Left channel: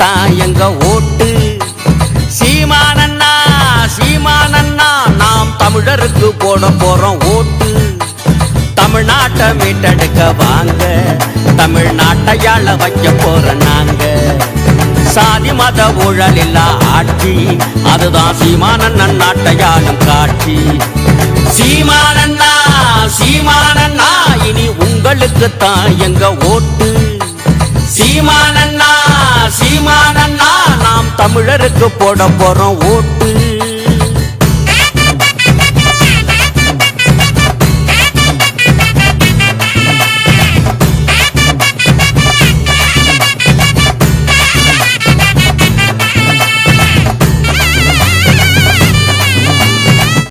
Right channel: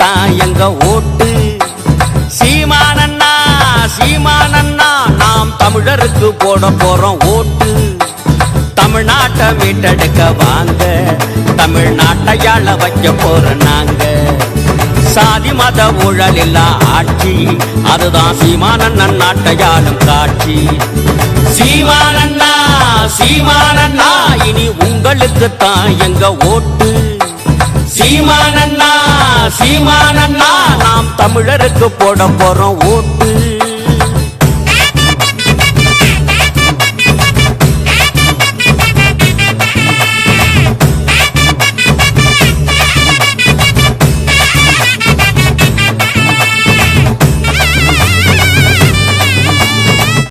தான் எங்க ஓட்டு. சீமானண்ணா சீமானண்ணா நாம் தமிழருக்கு போட போறோம் ஓட்டு. தமிழ்நாட்டை மீட்டெடுக்க வாங்க, தமிழ்நாட்டையாள வைக்க போற நாங்க. சாதி மத ஊழல் இல்லா ஆட்சி, அதுதான் சீமானண்ணன் நாட்டையாளும் காட்சி. சீமானண்ணா சீமானண்ணா இனி உங்களுக்கு தான் எங்க ஓட்டு. சீமானண்ணா சீமானண்ணா நாம் தமிழருக்கு போட போறோம் ஓட்டு.